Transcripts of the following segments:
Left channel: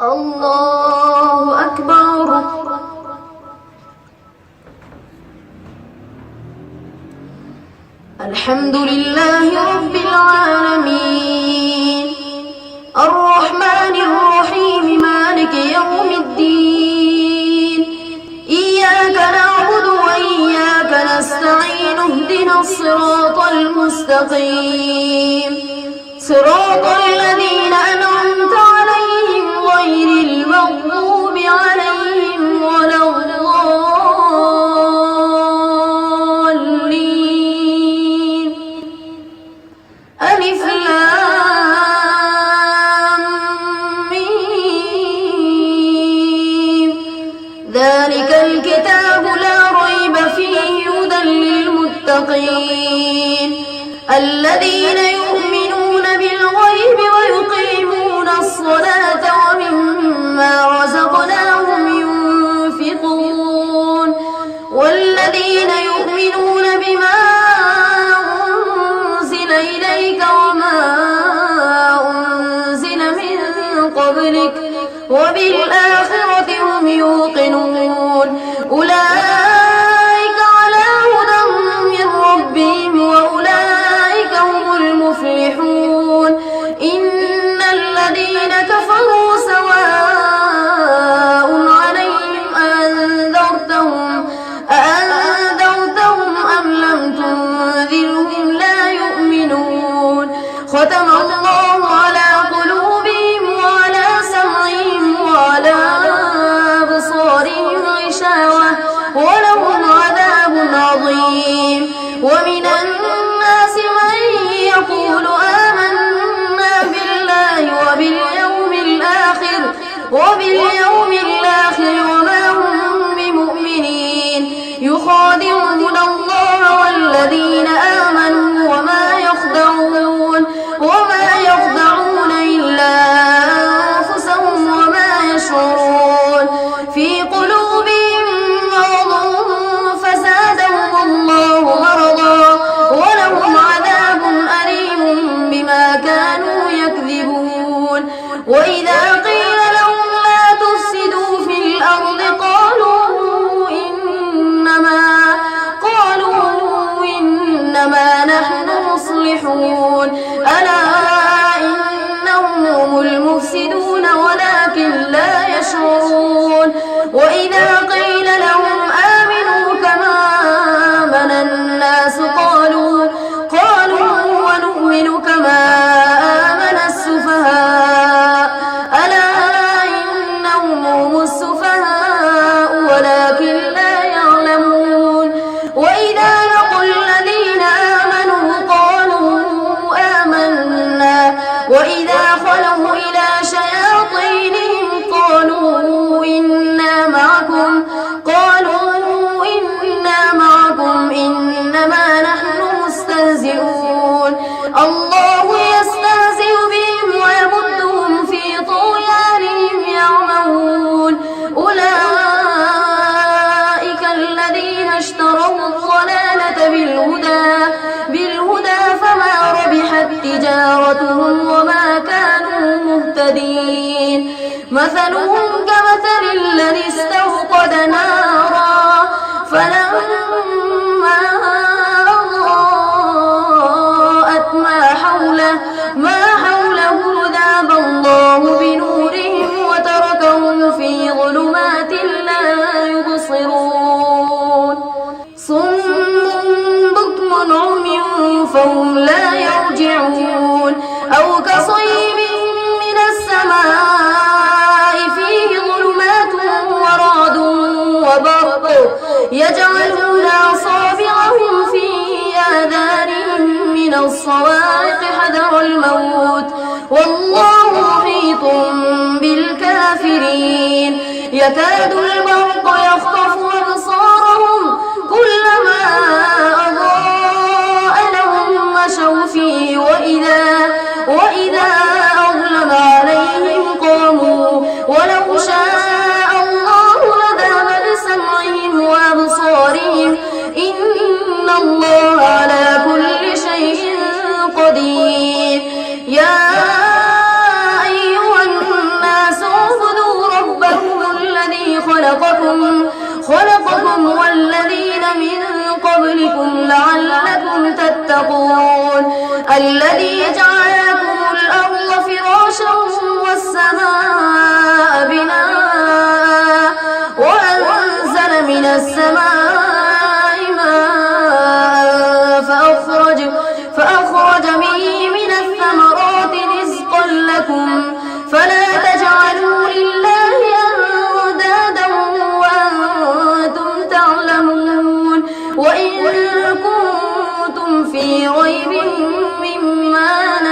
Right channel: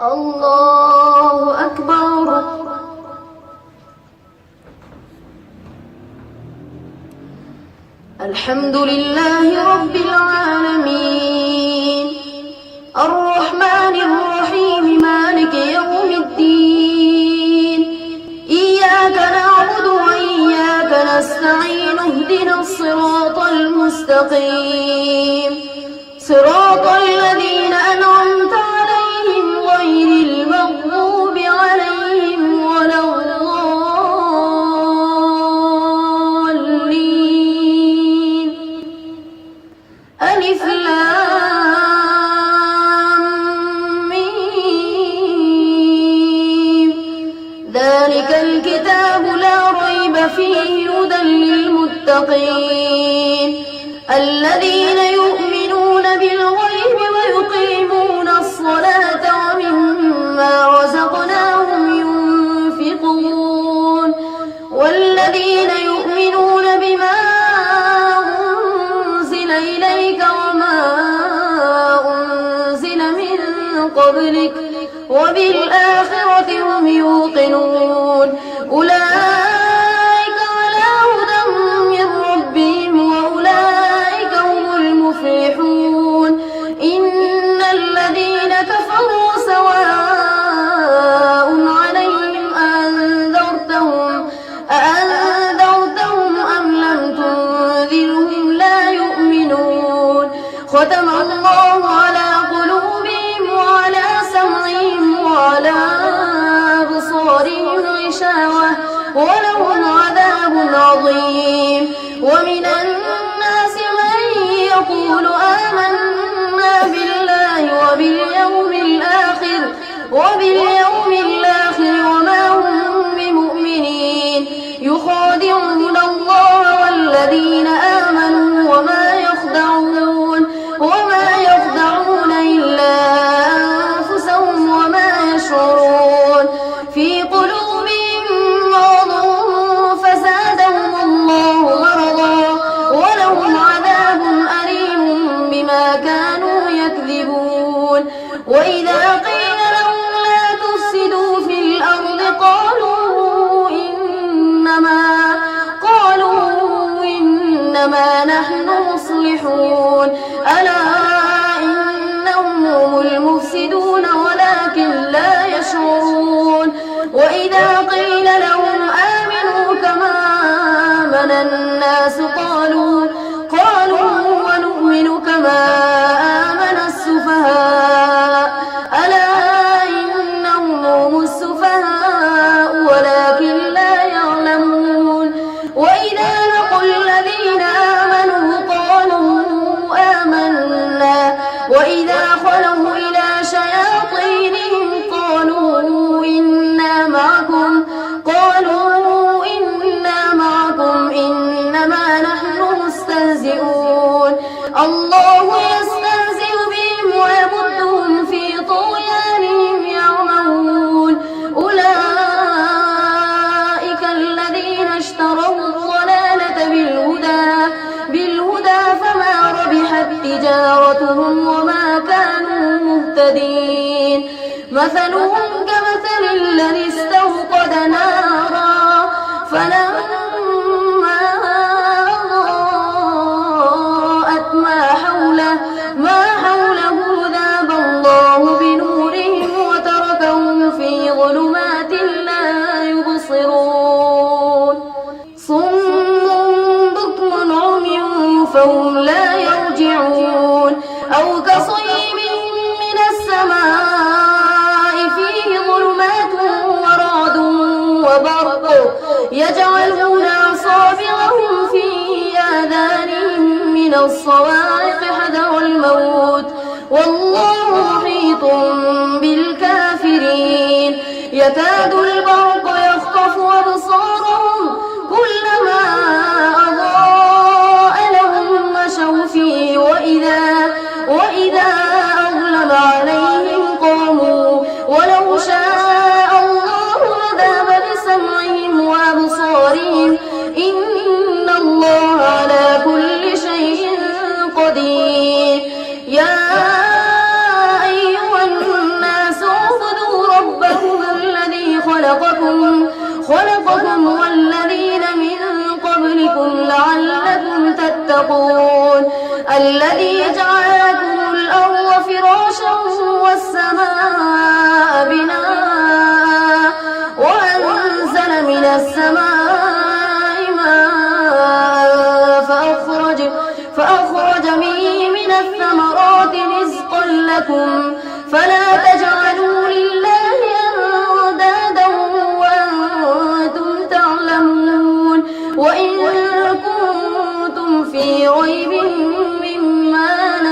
الله أكبر. الحمد لله رب العالمين الرحمن الرحيم مالك يوم الدين إياك نعبد وإياك نستعين اهدنا الصراط المستقيم صراط الذين أنعمت عليهم غير المغضوب عليهم ولا الضالين. ألف لام ميم ذلك الكتاب لا ريب فيه هدى للمتقين الذين يؤمنون بالغيب ويقيمون الصلاة ومما رزقناهم ينفقون والذين يؤمنون بما أنزل إليك وما أنزل من قبلك وبالآخرة هم يوقنون أولئك على هدى من ربهم وأولئك هم المفلحون. إن الذين كفروا سواء عليهم أأنذرتهم أم لم تنذرهم لا يؤمنون. ختم الله على قلوبهم وعلى سمعهم وعلى أبصارهم غشاوة ولهم عذاب عظيم. ومن الناس من يقول آمنا بالله وباليوم الآخر وما هم بمؤمنين يخادعون الله والذين آمنوا وما يخدعون إلا أنفسهم وما يشعرون. في قلوبهم مرض فزادهم الله مرضا ولهم عذاب أليم بما كانوا يكذبون. وإذا قيل لهم لا تفسدوا في الأرض قالوا إنما نحن مصلحون ألا إنهم هم المفسدون ولكن لا يشعرون. وإذا قيل لهم آمنوا كما آمن الناس قالوا ونؤمن كما آمن السفهاء ألا إنهم هم السفهاء ولكن لا يعلمون. وإذا لقوا الذين آمنوا قالوا آمنا وإذا خلوا إلى شياطينهم قالوا إنا معكم إنما نحن مستهزئون. الله يستهزئ بهم ويمدهم في طغيانهم يعمهون. أولئك الذين اشتروا الضلالة بالهدى فما ربحت تجارتهم وما كانوا مهتدين. مثلهم كمثل الذي استوقد نارا فلما أضاءت ما حوله ذهب الله بنورهم وتركهم في ظلمات لا يبصرون. صم بكم عمي فهم لا يرجعون. أو كصيب من السماء فيه ظلمات ورعد وبرق يجعلون أصابعهم في آذانهم من الصواعق حذر الموت والله محيط بالكافرين. يكاد البرق يخطف أبصارهم كلما أضاء لهم مشوا فيه وإذا أظلم عليهم قاموا ولو شاء الله لذهب بسمعهم وأبصارهم إن الله على كل شيء قدير. يا أيها الناس خلقكم والذين من قبلكم لعلكم تتقون الذي جعل لكم الأرض فراشا والسماء بناء وأنزل من السماء ماء فأخرج به من الثمرات رزقا لكم فلا تجعلوا لله أندادا وأنتم تعلمون وإن كنتم في ريب مما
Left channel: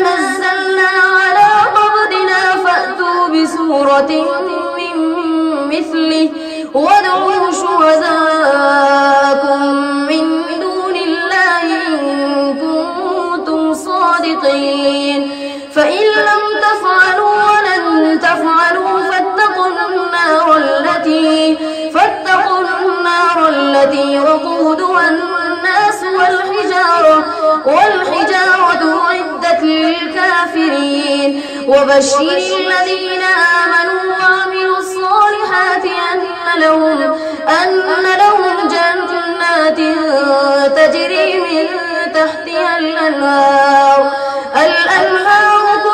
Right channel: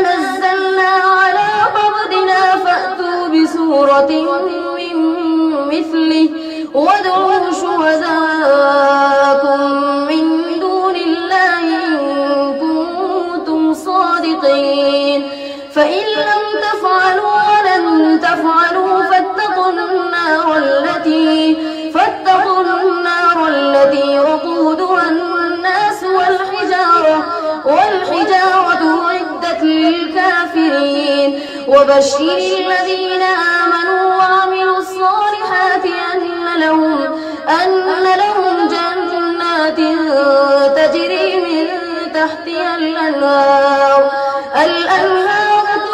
نزلنا على عبدنا فأتوا بسورة من مثله وادعوا شهداءكم من دون الله إن كنتم صادقين فإن لم تفعلوا ولن تفعلوا فاتقوا النار التي وقودها الناس والحجارة أعدت للكافرين وبشر الذين آمنوا وعملوا الصالحات أن لهم جنات تجري من تحتها الأنهار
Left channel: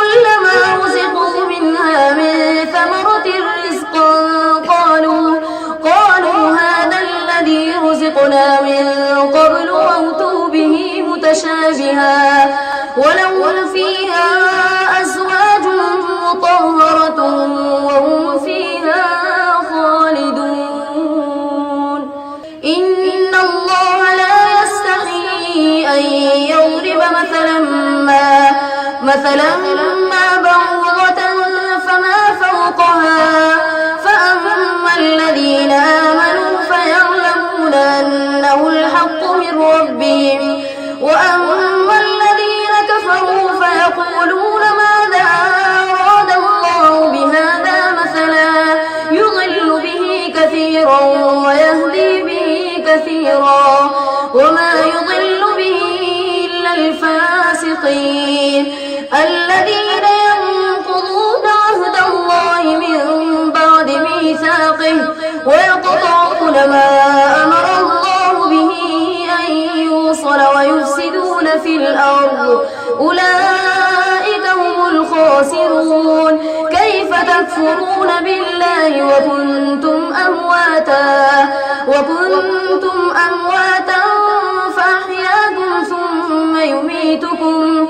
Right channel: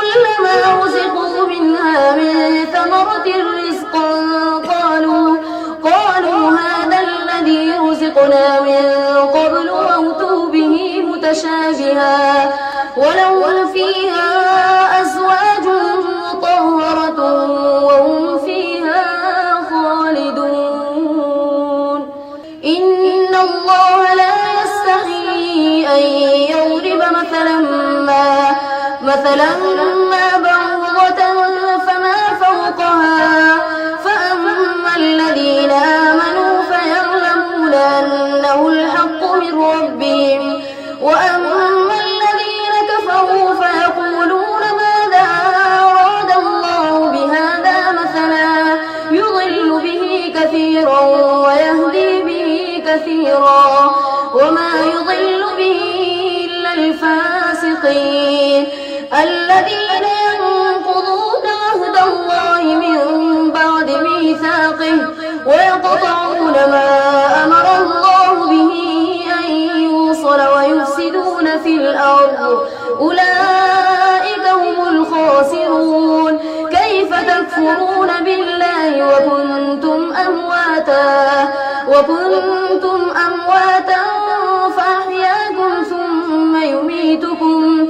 كلما رزقوا منها من ثمرة رزقا قالوا هذا الذي رزقنا من قبل وأتوا به متشابها ولهم فيها أزواج مطهرة وهم فيها خالدون إن الله لا يستحيي أن يضرب مثلا ما بعوضة فما فوقها فأما الذين آمنوا فيعلمون أنه الحق من ربهم وأما الذين كفروا فيقولون ماذا أراد الله بهذا مثلا يضل به كثيرا ويهدي به كثيرا وما يضل به إلا الفاسقين الذين ينقضون عهد الله من بعد ميثاقه ويقطعون ما أمر الله به أن يوصل ويفسدون في الأرض أولئك هم الخاسرون كيف تكفرون بالله وكنتم أمواتا فأحياكم ثم يميتكم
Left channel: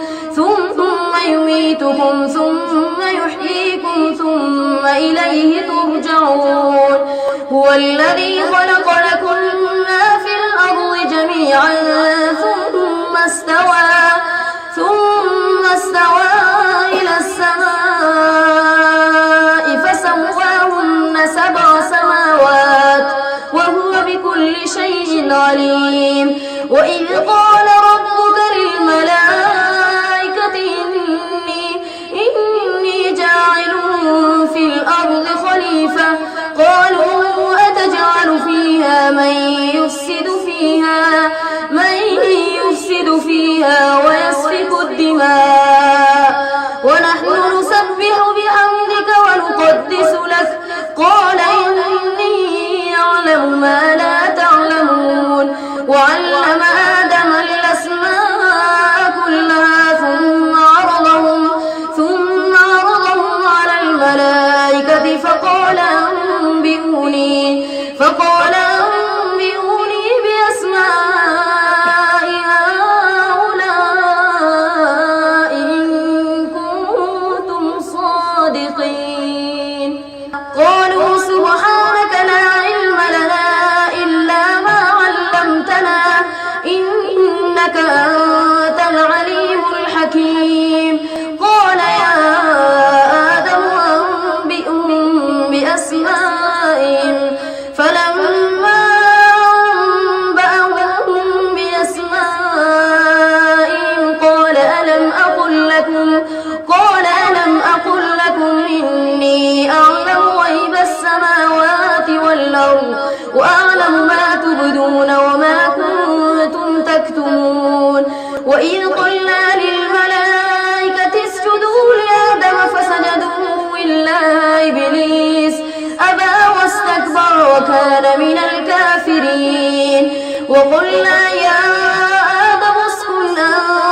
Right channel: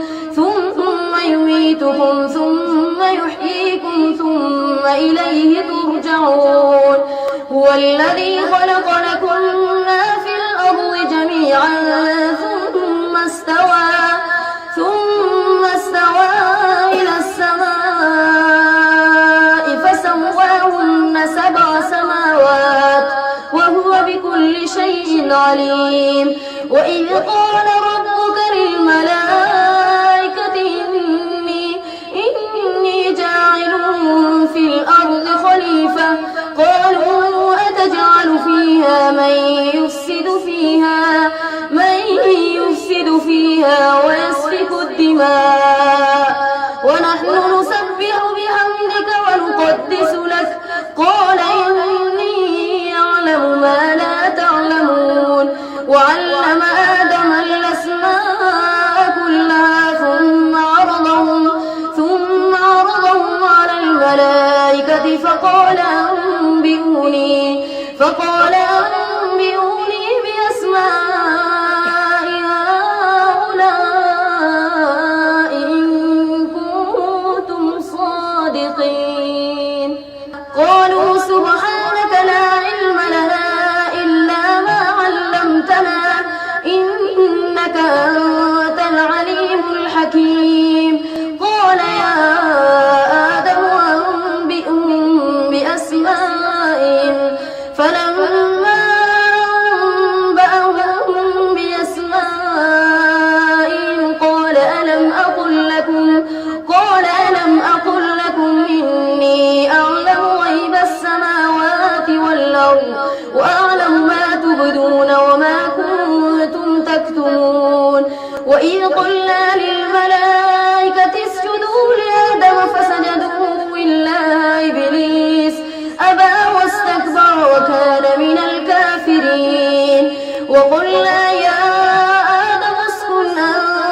ثم يحييكم ثم إليه ترجعون هو الذي خلق لكم ما في الأرض جميعا ثم استوى إلى السماء فسواهن 7 سماوات وهو بكل شيء عليم وإذ قال ربك للملائكة إني جاعل في الأرض خليفة قالوا أتجعل فيها من يفسد فيها ويسفك الدماء ونحن نسبح بحمدك ونقدس لك قال إني أعلم ما لا تعلمون وعلم آدم الأسماء كلها ثم عرضهم على الملائكة فقال أنبئوني بأسماء هؤلاء إن كنتم صادقين قالوا سبحانك لا علم لنا إلا ما علمتنا إنك أنت العليم الحكيم قال يا آدم أنبئهم بأسمائهم فلما أنبأهم بأسمائهم قال ألم أقل لكم إني أعلم غيب السماوات والأرض وأعلم ما تبدون وما كنتم تكتمون وإذ قلنا للملائكة اسجدوا لآدم فسجدوا إلا إبليس أبى وقلنا يا آدم اسكن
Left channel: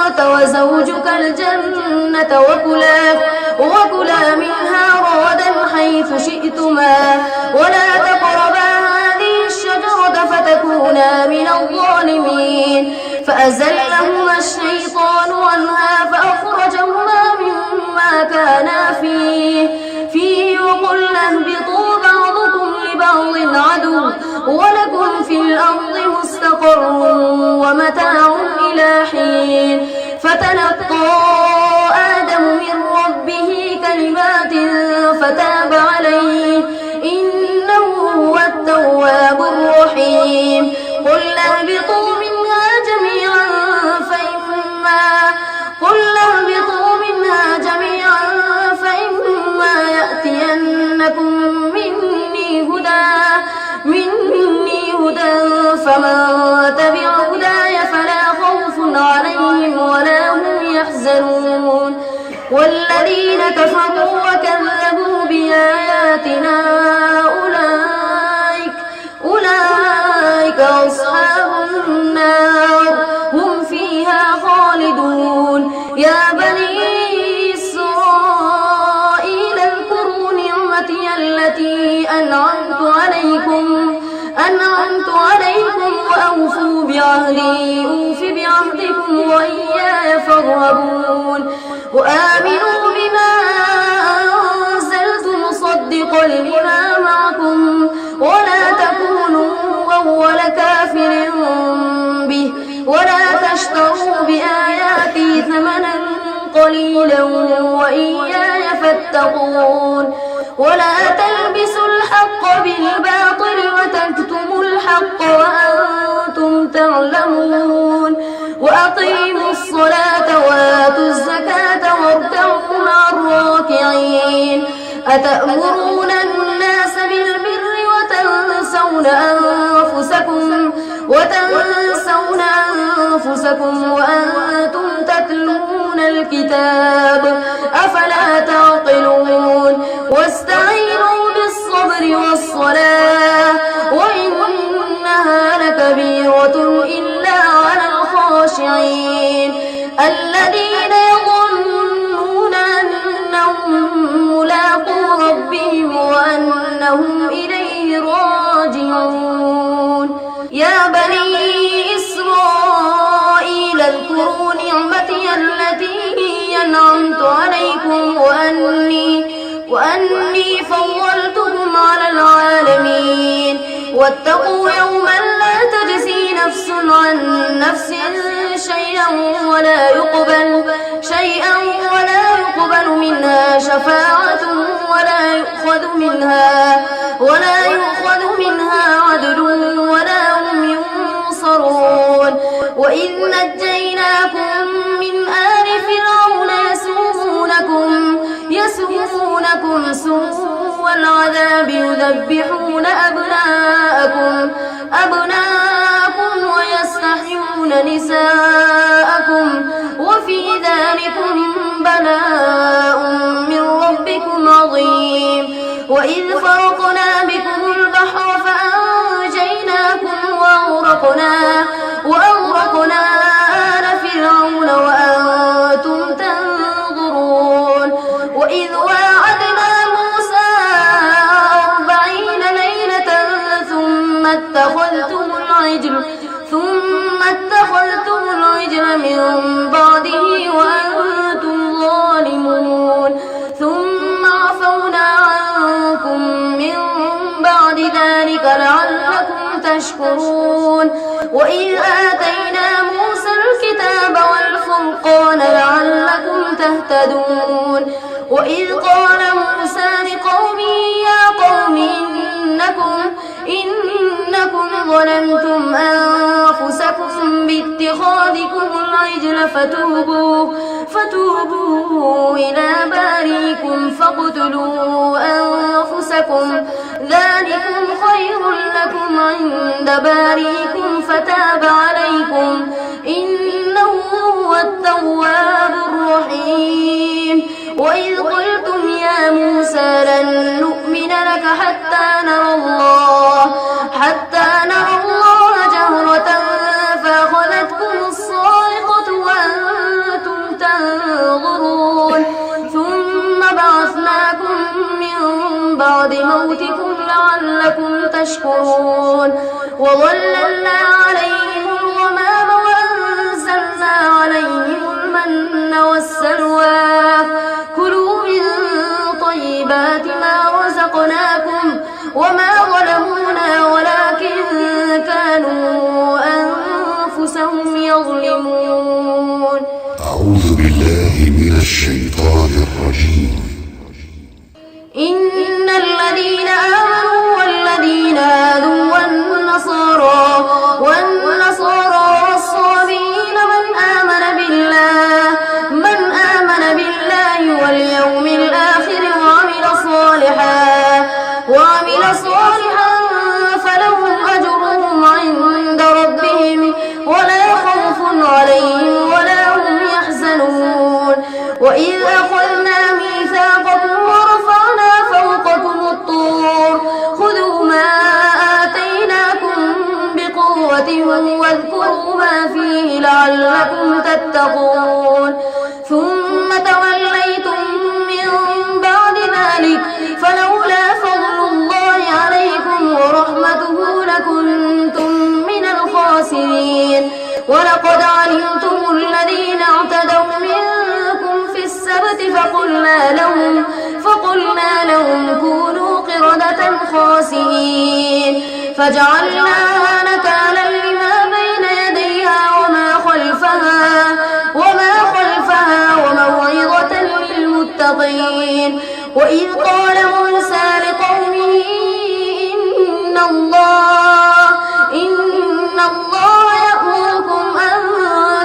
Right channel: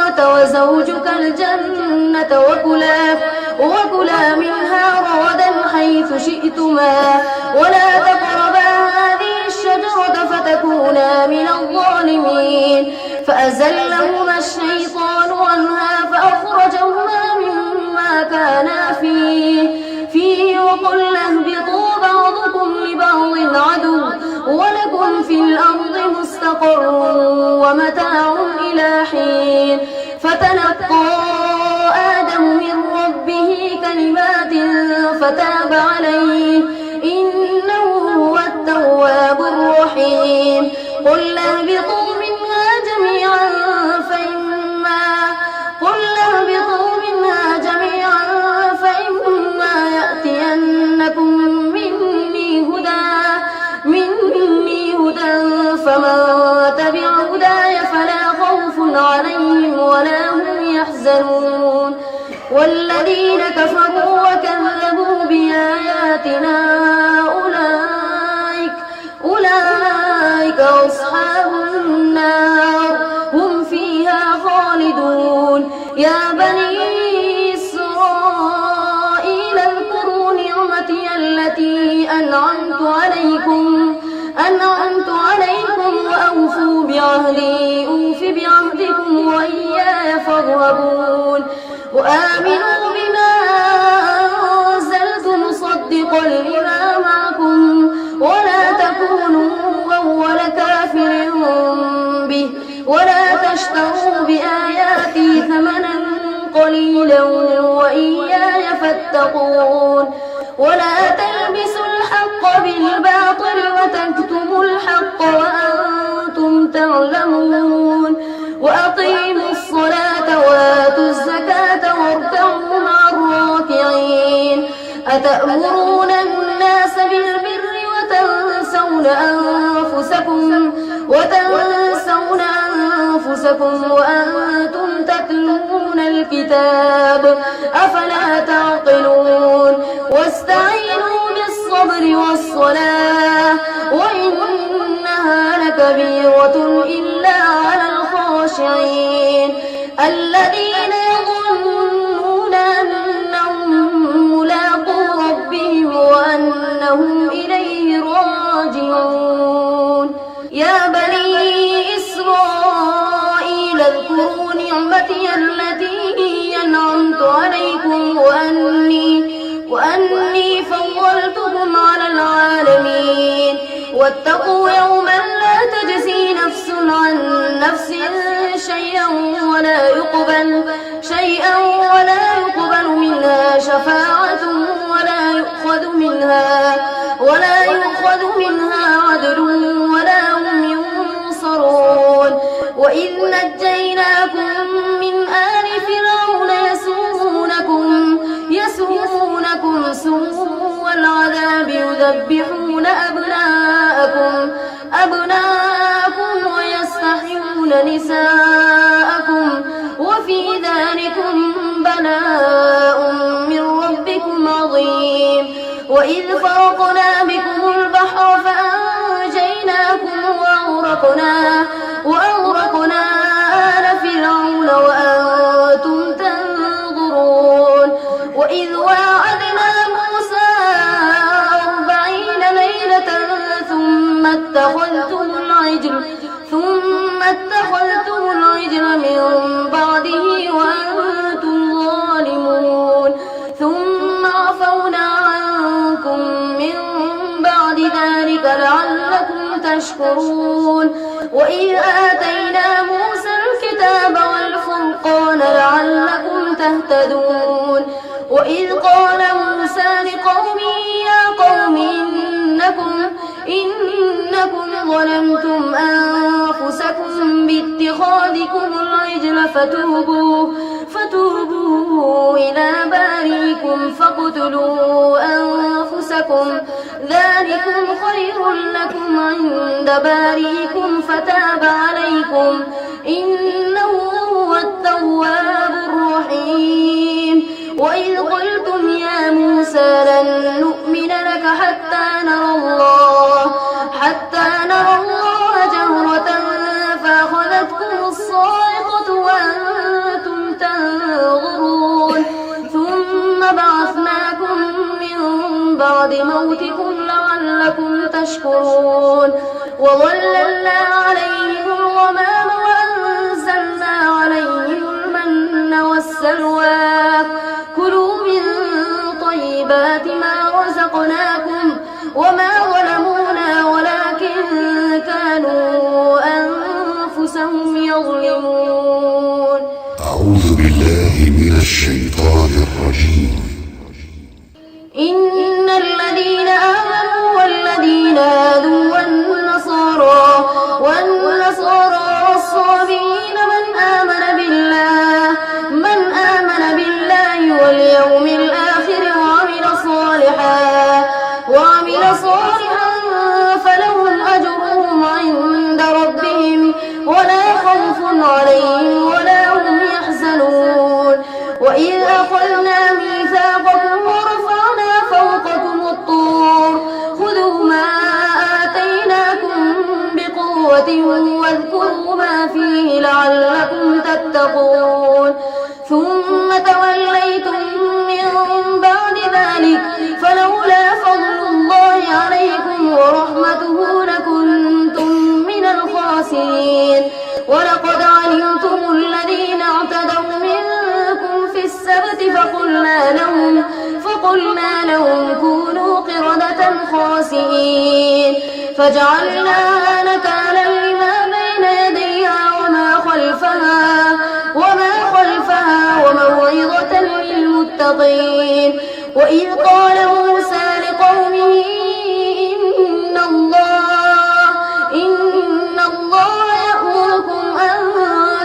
أنت وزوجك الجنة وكلا منها رغدا حيث شئتما ولا تقربا هذه الشجرة فتكونا من الظالمين فأزلهما الشيطان عنها فأخرجهما مما كانا فيه وقلنا اهبطوا بعضكم لبعض عدو ولكم في الأرض مستقر ومتاع إلى حين فتلقى آدم من ربه كلمات فتاب عليه إنه هو التواب الرحيم قل اهبطوا منها جميعا فإما يأتينكم مني هدى فمن تبع هداي فلا خوف عليهم ولا هم يحزنون والذين كفروا وكذبوا بآياتنا أولئك أصحاب النار هم فيها خالدون يا بني إسرائيل اذكروا نعمتي التي أنعمت عليكم وأوفوا بعهدي أوف بعهدكم وإياي فارهبون وآمنوا بما أنزلت مصدقا لما معكم ولا تكونوا أول كافر به ولا تشتروا بآياتي ثمنا قليلا وإياي فاتقون ولا تلبسوا الحق بالباطل وتكتموا الحق وأنتم تعلمون وأقيموا الصلاة وآتوا الزكاة واركعوا مع الراكعين أتأمرون الناس بالبر وتنسون أنفسكم وأنتم تتلون الكتاب أفلا تعقلون واستعينوا بالصبر والصلاة وإنها لكبيرة إلا على الخاشعين الذين يظنون أنهم ملاقو ربهم وأنهم إليه راجعون يا بني إسرائيل اذكروا نعمتي التي أنعمت عليكم وأني فضلتكم على العالمين واتقوا يوما لا تجزي نفس عن نفس شيئا ولا يقبل منها شفاعة ولا يؤخذ منها عدل ولا هم ينصرون وإذ نجيناكم من آل فرعون يسومونكم سوء العذاب يذبحون أبناءكم ويستحيون نساءكم وفي ذلكم بلاء من ربكم عظيم وإذ فرقنا بكم البحر فأنجيناكم وأغرقنا آل فرعون وأنتم تنظرون وإذ واعدنا موسى 40 ليلة ثم اتخذتم العجل من بعده وأنتم ظالمون ثم عفونا عنكم من بعد ذلك لعلكم تشكرون وإذ آتينا موسى الكتاب والفرقان لعلكم تهتدون وإذ قال موسى لقومه يا قوم إنكم ظلمتم أنفسكم باتخاذكم العجل فتوبوا إلى باريكم فاقتلوا أنفسكم ذلكم خير لكم عند باريكم فتاب عليكم إنه هو التواب الرحيم وإذ قلتم يا موسى لن نؤمن لك حتى نرى الله جهرة تشكرون وظللنا عليهم الغمام وأنزلنا عليهم المن والسلوى كلوا من طيبات ما رزقناكم وما ظلمونا ولكن كانوا أنفسهم يظلمون. أعوذ بالله من الشيطان الرجيم. إن الذين آمنوا والذين هادوا والنصارى والصابئين من آمن بالله واليوم الآخر وعمل صالحا فلهم أجرهم عند ربهم ولا خوف عليهم ولا هم يحزنون. وإذ أخذنا ميثاقكم ورفعنا فوقكم الطور خذوا ما آتيناكم بقوة واذكروا ما فيه لعلكم تتقون ثم توليتم من بعد ذلك فلولا فضل الله عليكم ورحمته لكنتم من الخاسرين. ولقد علمتم الذين اعتدوا منكم في السبت فقلنا لهم كونوا قردة خاسئين فجعلناها نكالا لما بين يديها وما خلفها وموعظة للمتقين. وإذ قال موسى لقومه إن الله يأمركم أن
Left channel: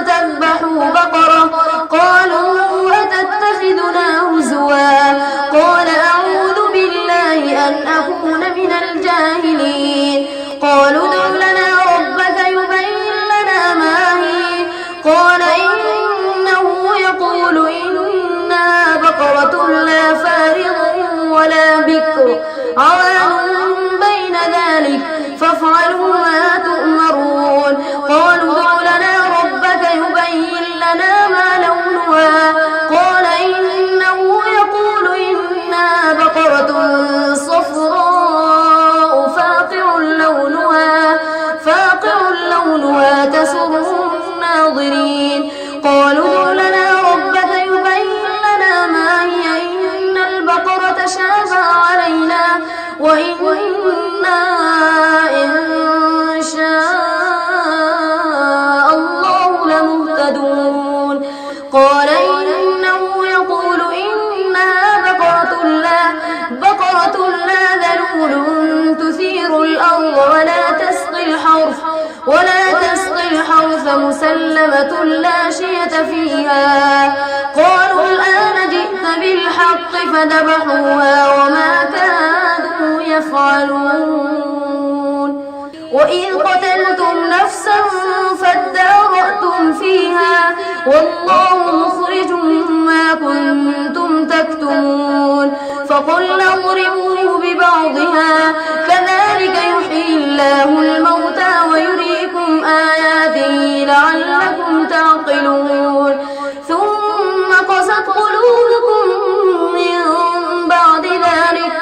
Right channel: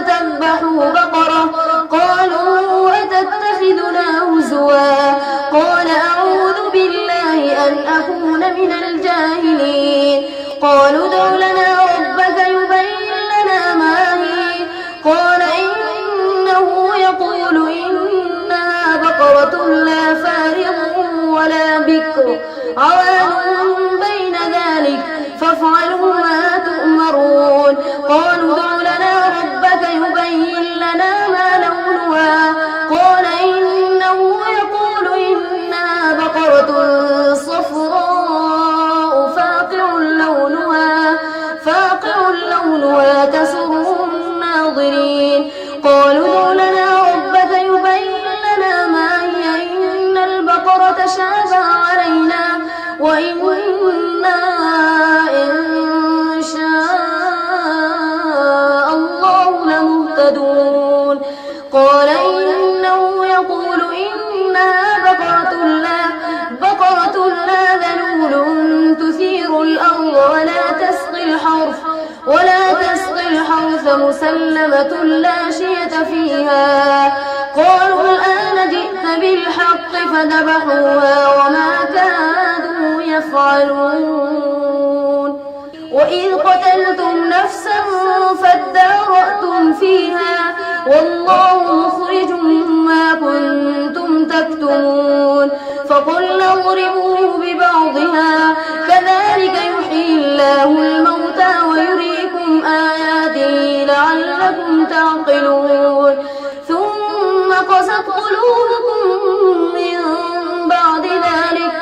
تذبحوا بقرة قالوا أتتخذنا هزوا قال أعوذ بالله أن أكون من الجاهلين. قالوا ادع لنا ربك يبين لنا ما هي قال إنه يقول إنها بقرة لا فارض ولا بكر عوان بين ذلك فافعلوا ما تؤمرون. قالوا ادع لنا ربك يبين لنا ما لونها قال إنه يقول إنها بقرة صفراء فاقع لونها تسر الناظرين. قالوا ادع لنا ربك يبين لنا ما هي إن البقرة شابه علينا وإنا إن شاء الله لمهتدون. قال إنه يقول إنها بقرة لا ذلول تثير الأرض ولا تسقي الحرث مسلمة لا شية فيها. قالوا الآن جئت بالحق فذبحوها وما كادوا يفعلون. وإذ قتلتم نفسا فادارأتم فيها والله مخرج ما كنتم تكتمون. فقلنا اضربوه ببعضها كذلك يحيي الله الموتى ويريكم آياته لعلكم تعقلون. ثم قست قلوبكم من بعد ذلك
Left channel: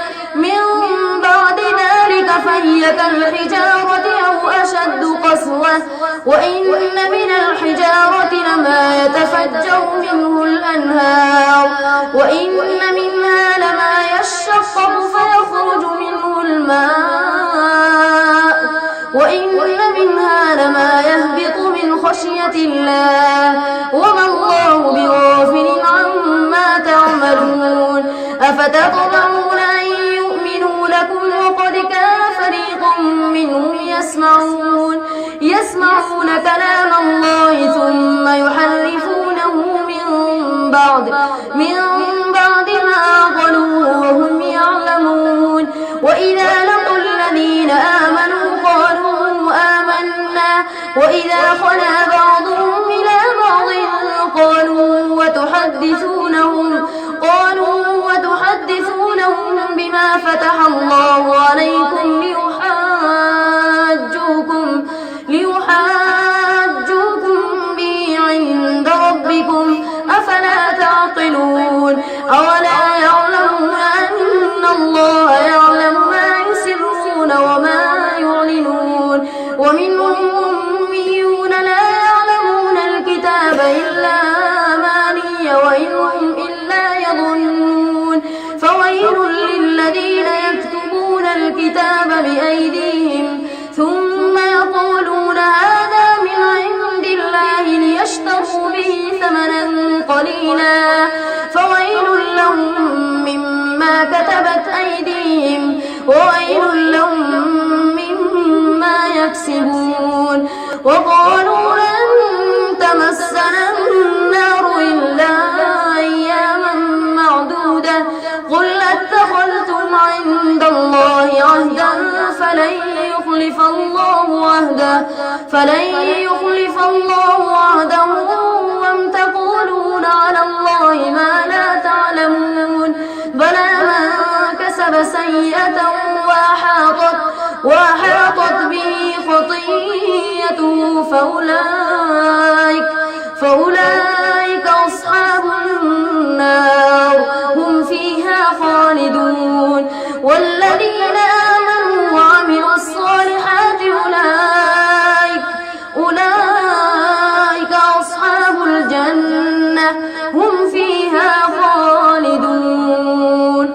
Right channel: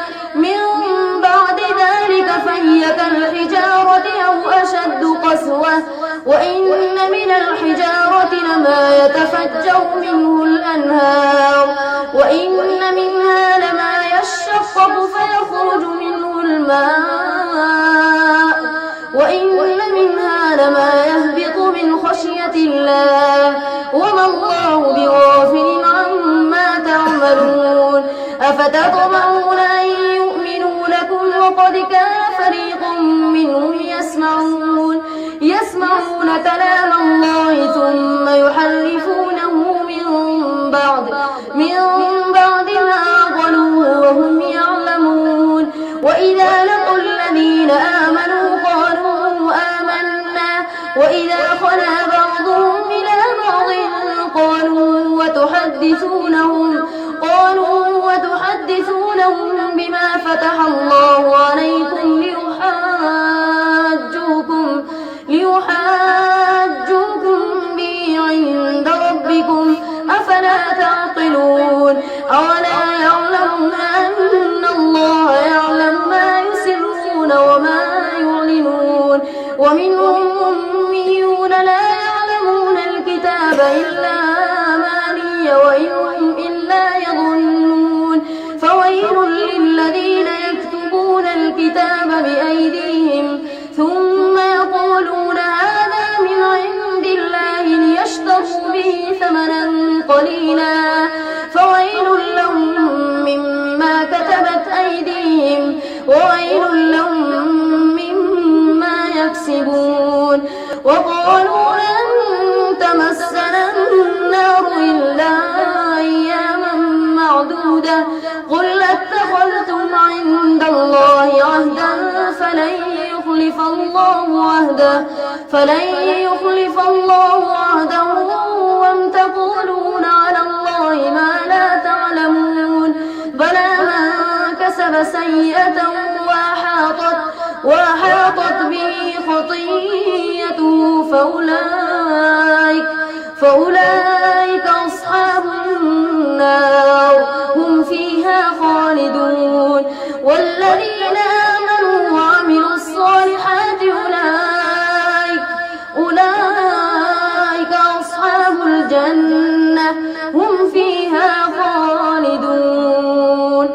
فهي كالحجارة أو أشد قسوة وإن من الحجارة لما يتفجر منه الأنهار وإن منها لما يشقق فيخرج منه الماء وإن منها لما يهبط من خشية الله وما الله بغافل عما تعملون. أفتطمعون أن يؤمنوا لكم وقد كان فريق منهم يسمعون كلام الله ثم يحرفونه من بعد ما عقلوه وهم يعلمون. وإذا لقوا الذين آمنوا قالوا آمنا وإذا خلا بعضهم إلى بعض قالوا وتحدثونهم بما فتح الله عليكم ليحاجوكم به عند ربكم أفلا تعقلون. أولا يعلمون أن الله يعلم ما يسرون وما علينا فويل لهم مما كتبت أيديهم وويل لهم مما يكسبون وقالوا لن تمسنا النار إلا أياما معدودة قل اتخذتم عند الله عهدا فلن يخلف الله عهده وأم تقولون على الله ما لا تعلمون بلى من كسب سيئة وأحاطت به خطيئته فأولئك أصحاب النار هم فيها خالدون والذين آمنوا وعملوا الصالحات أولئك أصحاب الجنة هم فيها خالدون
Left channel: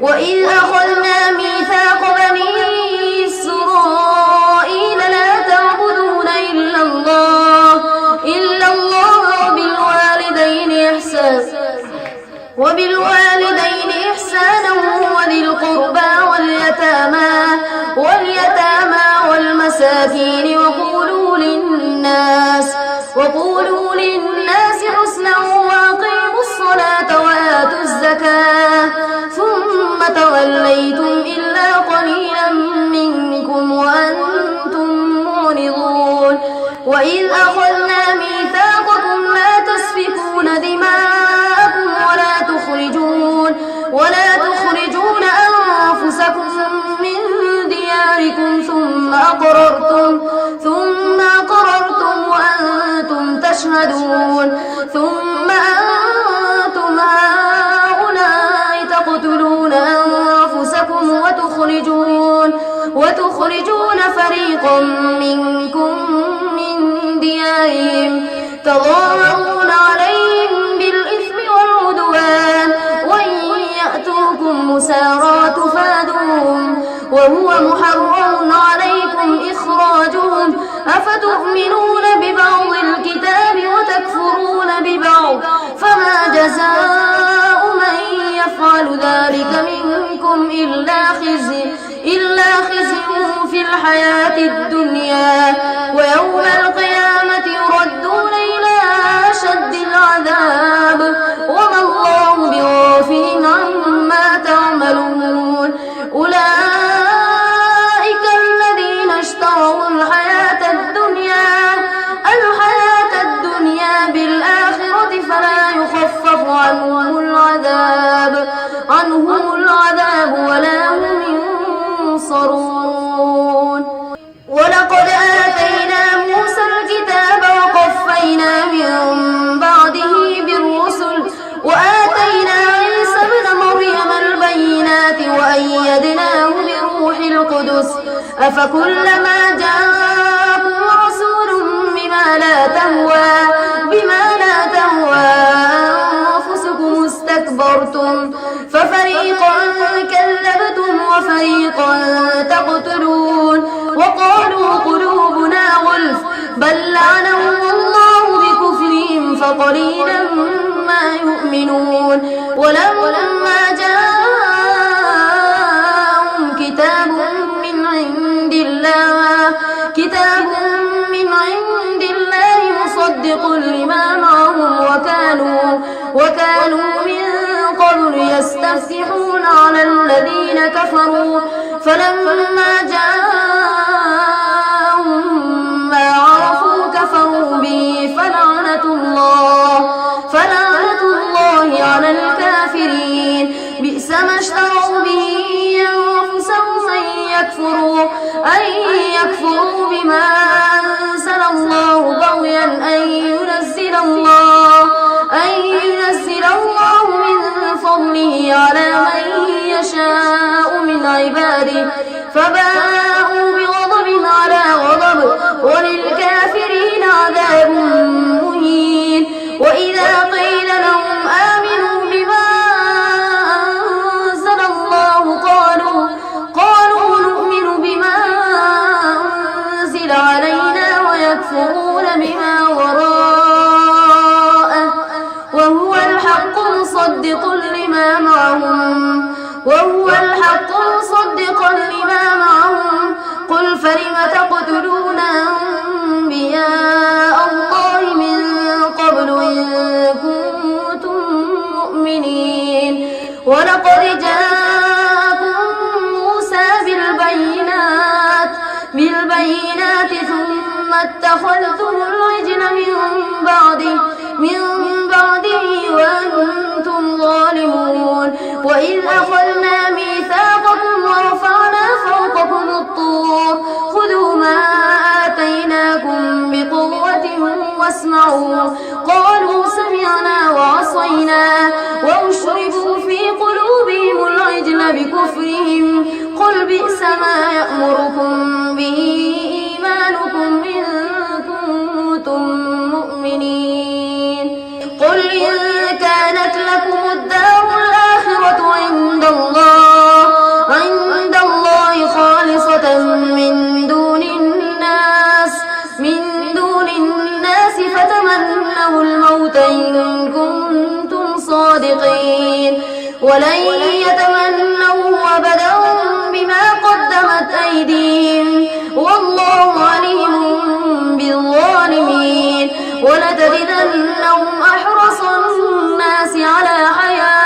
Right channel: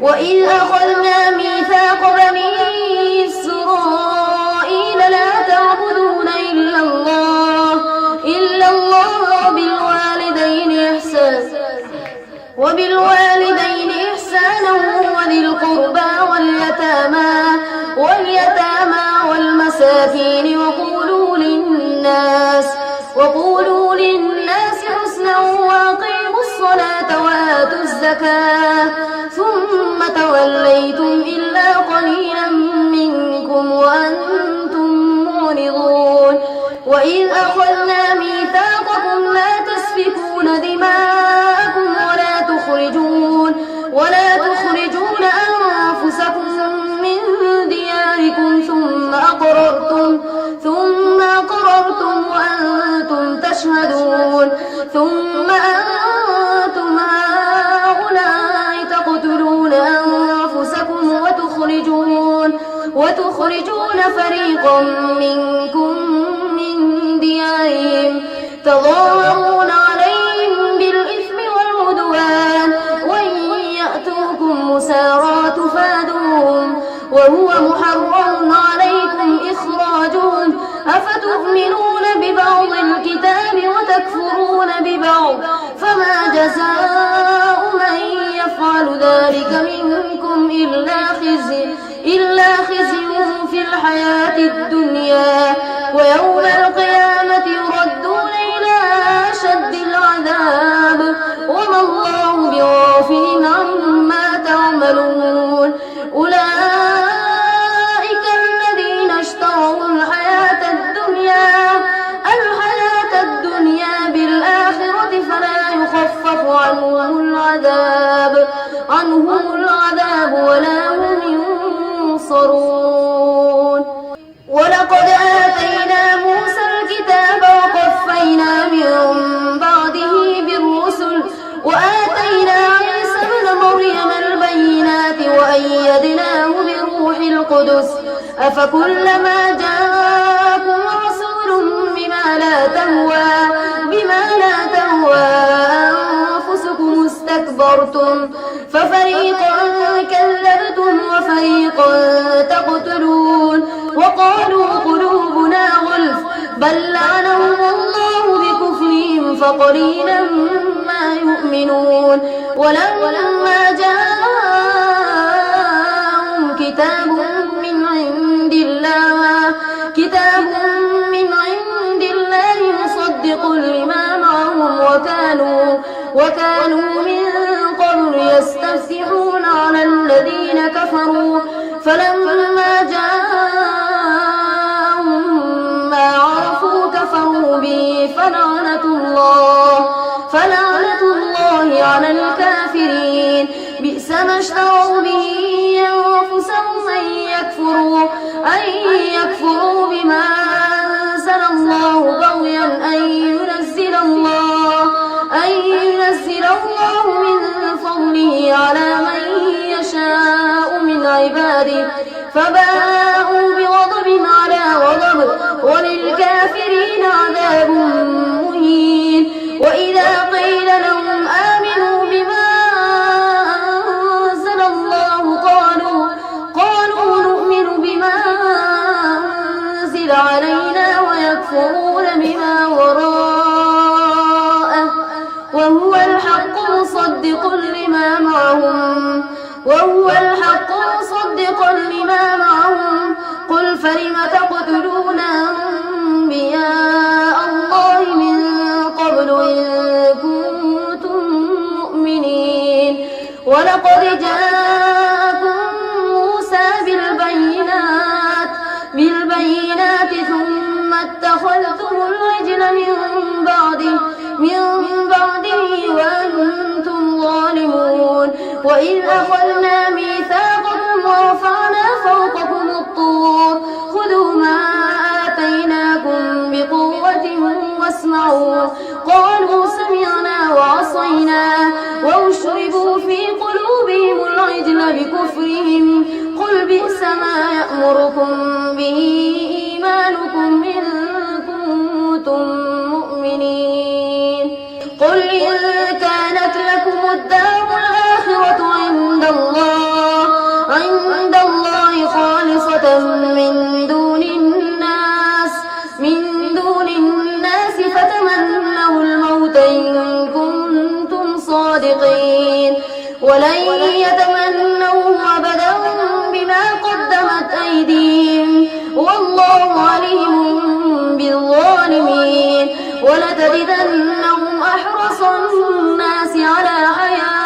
وإذ أخذنا ميثاق بني إسرائيل لا تعبدون إلا الله وبالوالدين إحسانا وذي القربى واليتامى والمساكين وقولوا للناس حسنا وأقيموا الصلاة وآتوا الزكاة ثم توليتم إلا قليلا منكم وأنتم معرضون وإذ أخذنا ميثاقكم لا تسفكون دماءكم ولا تخرجون أنفسكم من دياركم ثم أقررتم وأنتم تشهدون ثم أنتم هؤلاء تقتلون أنفسكم وتخرجون فريقا منكم من ديارهم تظاهرون عليهم بالإثم والعدوان وإن يأتوكم مسارى تفادوهم وهو محرم عليكم إخراجهم أفتؤمنون ببعض الكتاب وتكفرون ببعض فما جزاء من يفعل ذلك منكم إلا خزي في الحياة الدنيا ويوم القيامة يردون إلى أشد العذاب وما الله بغافل عما تعملون أولئك الذين اشتروا الحياة الدنيا بالآخرة فلا يخفف عنهم العذاب ولا هم ينصرون ولقد آتينا موسى الكتاب وقفينا من بعده بالرسل وآتينا عيسى ابن مريم البينات وأيدناه بروح القدس أفكلما جاءكم رسول بما لا تهوى أنفسكم استكبرتم ففريقا كذبتم وفريقا تقتلون وقالوا قلوبنا غلف بل لعنهم الله بكفرهم فقليلا ما يؤمنون ولما جاءهم كتاب من عند الله مصدق لما معهم وكانوا من قبل يستفتحون على الذين كفروا فلما جاءهم ما عرفوا كفروا به فلعنة الله على الكافرين بئس ما اشتروا به أنفسهم أن يكفروا بما أنزل الله بغيا أن ينزل الله من فضله على من يشاء من عباده فباءوا بغضب على غضب وللكافرين عذاب مهين وإذا قيل لهم آمنوا بما أنزل الله قالوا نؤمن بما أنزل علينا ويكفرون بما وراءه وهو الحق مصدقا لما معهم قل فلم تقتلون أنبياء الله من قبل إن كنتم مؤمنين ولقد جاءكم موسى بالبينات ثم اتخذتم العجل من بعده وأنتم ظالمون وإذ أخذنا ميثاقكم ورفعنا فوقكم الطور خذوا ما آتيناكم بقوة واسمعوا قالوا سمعنا وعصينا وأشربوا في قلوبهم العجل بكفرهم قل بئس ما يأمركم به إيمانكم إن كنتم مؤمنين قل إن كانت لكم الدار الآخرة عند الله خالصة من دون الناس فتمنوا الموت إن كنتم صادقين ولن يتمنوا أبدا بما قدمت أيديهم والله عليم بالظالمين ولتجدنهم أحرص الناس على حياة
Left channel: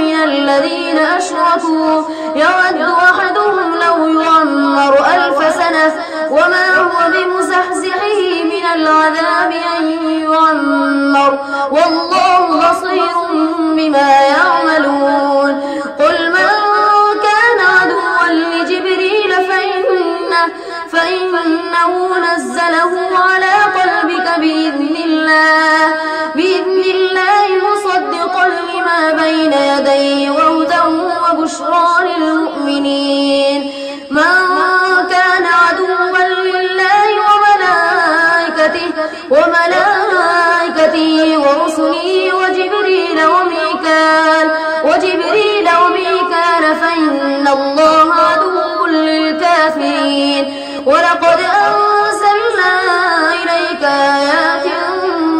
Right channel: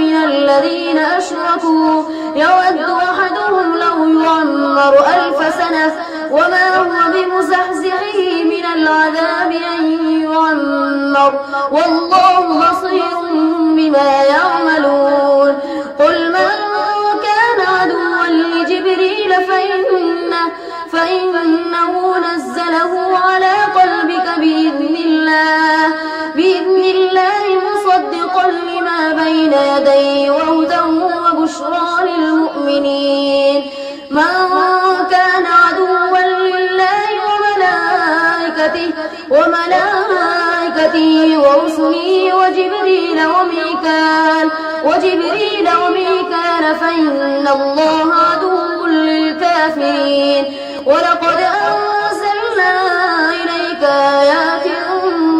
ومن الذين أشركوا يود أحدهم لو يعمر 1000 سنة وما هو بمزحزحه من العذاب أن يعمر والله بصير بما يعملون قل من كان عدوا لجبريل فإنه نزله على قلبك بإذن الله مصدقا لما بين يديه وهدى وبشرى للمؤمنين من كان عدوا لله وملائكته ورسله وجبريل وميكال فإن الله عدو للكافرين ولقد أنزلنا إليك آيات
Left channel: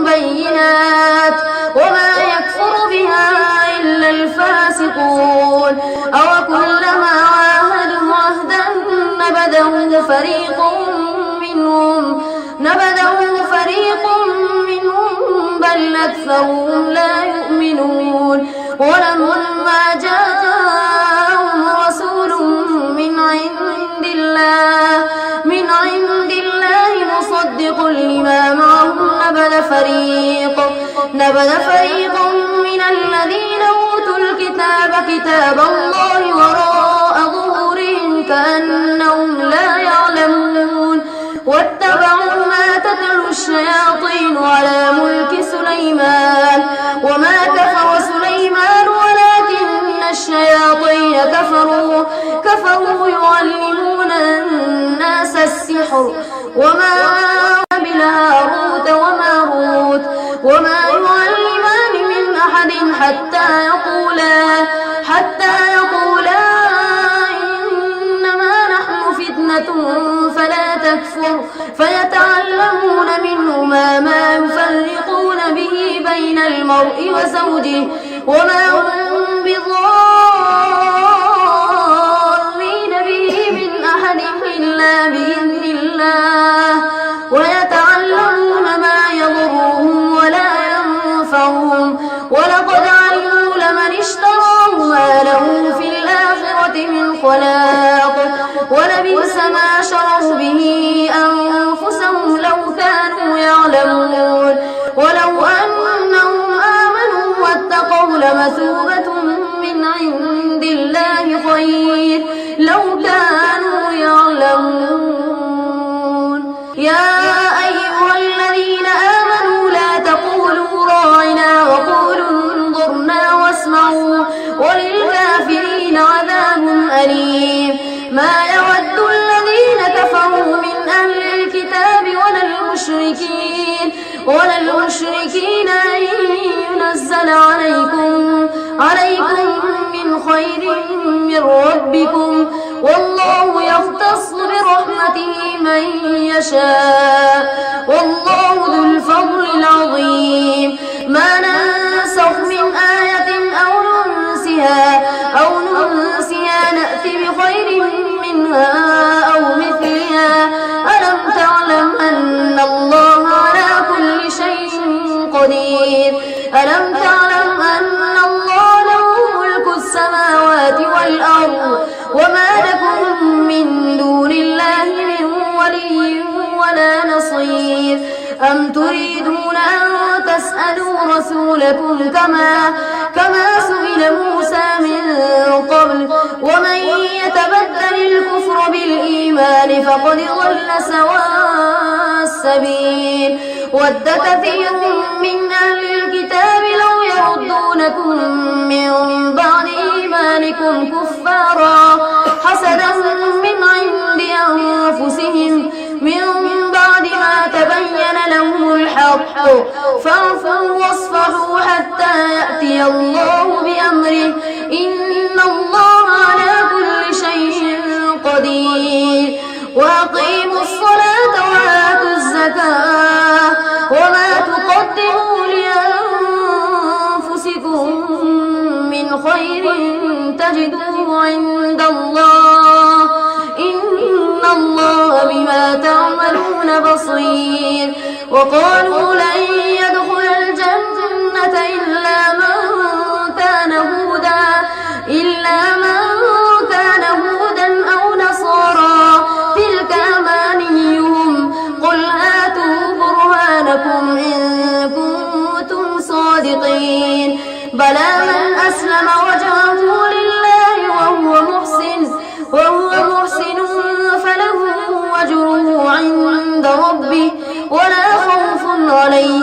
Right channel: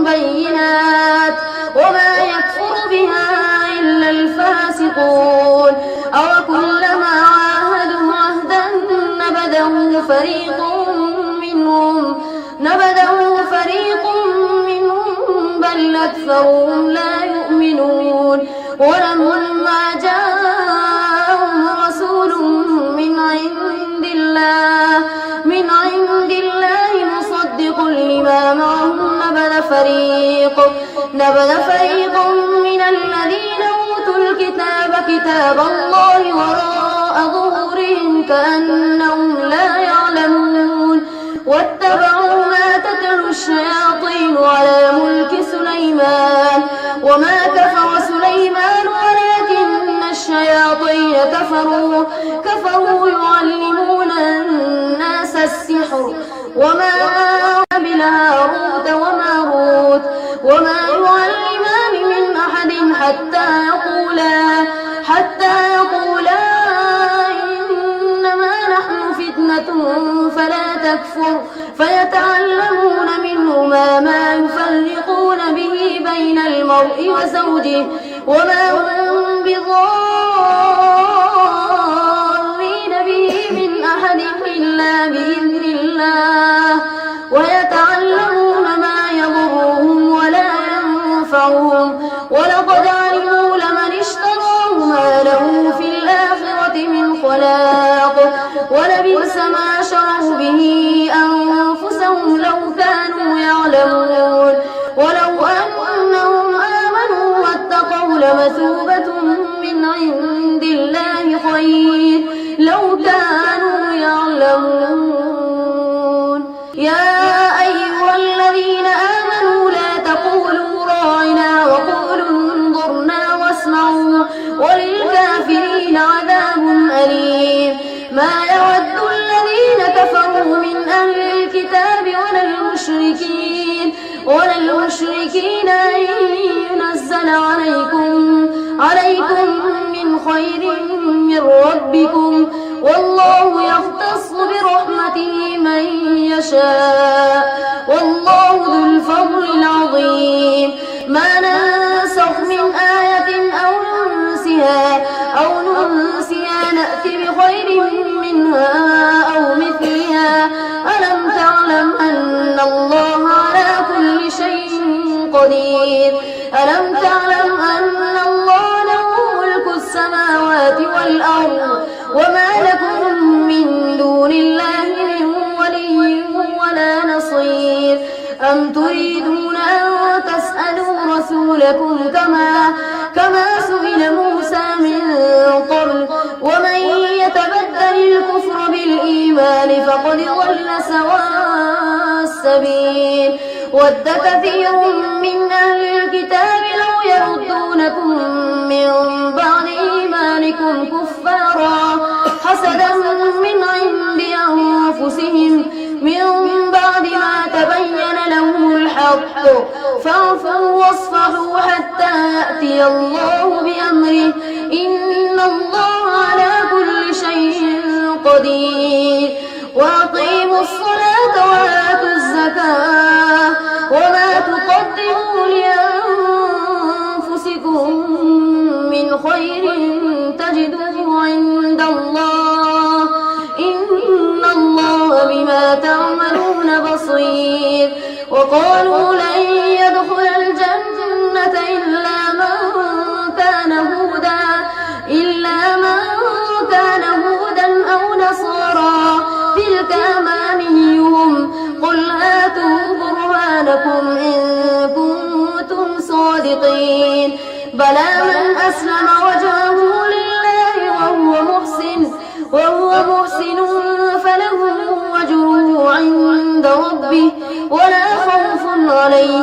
بينات وما يكفر بها إلا الفاسقون أوكلما عاهدوا عهدا نبذه فريق منهم بل أكثرهم لا يؤمنون ولما جاءهم رسول من عند الله مصدق لما معهم نبذ فريق من الذين أوتوا الكتاب كتاب الله وراء ظهورهم كأنهم لا يعلمون واتبعوا ما تتلو الشياطين على ملك سليمان وما كفر سليمان ولكن الشياطين كفروا يعلمون الناس السحر وما بهاروت وماروت وما يعلمان من أحد حتى يقولا إنما نحن فتنة فلا تكفر فيتعلمون منهما ما يفرقون به بين المرء وزوجه وما هم بضارين به من أحد إلا بإذن الله ويتعلمون ما يضرهم ولا ينفعهم ولقد علموا لمن اشتراه ما له في الآخرة من خلاق ولبئس ما شروا به أنفسهم لو كانوا يعلمون ولو أنهم آمنوا واتقوا لمثوبة من عند الله خير لو كانوا يعلمون يا أيها الذين آمنوا لا تقولوا راعنا وقولوا انظرنا واسمعوا وللكافرين عذاب أليم ما يود الذين كفروا من أهل الكتاب ولا المشركين أن ينزل عليكم من خير من ربكم والله يختص برحمته من يشاء والله ذو الفضل العظيم بخير منها أو مثلها ألم تعلم أن الله على كل شيء قدير ألم تعلم أن الله له ملك السماوات والأرض وما لكم من دون الله من ولي ولا نصير أم تريدون أن تسألوا رسولكم كما سئل موسى من قبل ومن يتبدل الكفر بالإيمان فقد ضل سواء السبيل ود كثير من أهل الكتاب لو يردونكم من بعد إيمانكم كفارا حسدا من عند أنفسهم من بعد ما تبين لهم الحق فاعفوا واصفحوا حتى يأتي الله بأمره إن الله على كل شيء قدير وأقيموا الصلاة وآتوا الزكاة وما تقدموا لأنفسكم من خير تجدوه عند الله إن الله بما تعملون بصير وقالوا لن يدخل الجنة إلا من كان هودا أو نصارى تلك أمانيهم قل هاتوا برهانكم إن كنتم صادقين بلى من أسلم وجهه لله وهو محسن فله أجره عند ربه ولا خوف عليهم